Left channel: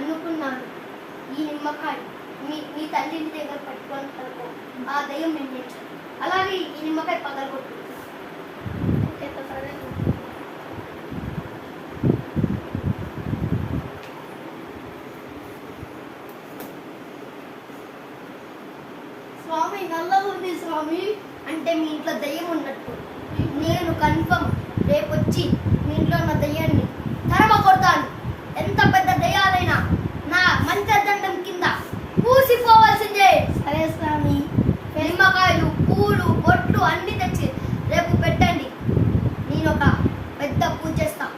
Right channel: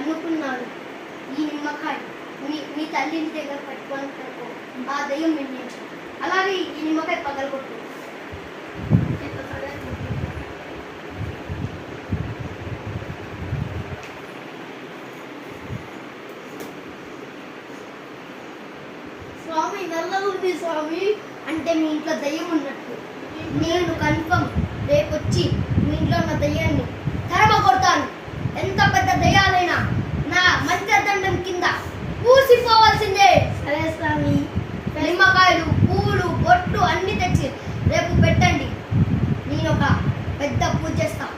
అనుకున్నాడు. ఈ నిమ్మకాయ మీ తల్లిని దగ్గర పట్టుకొని పడుకో, ఆ దయ్యం నిర్ణయించాడు. అలాగే ఈ నిమ్మకాయ పగలగొట్టు. స్వామి నల్ల ఉంది స్వామి అంటే మీ ఇంట్లో దయ్యం ఉన్నట్టు. నేను కన్ఫర్మ్ రేపు వచ్చి మీ ఇంట్లో ఉన్న దయ్యాన్ని తరమ కొడతాను. ఎంత పెద్ద దయ్యాలైనా నా మంత్రదండం కింద పూసిపోవాల్సిందే. సరే స్వామి. నిమ్మకాయలు, పూలు, బొట్లు అన్ని తెచ్చి రేపు పెట్టండి. నేను ఒక పెద్ద పూజ చేస్తాను.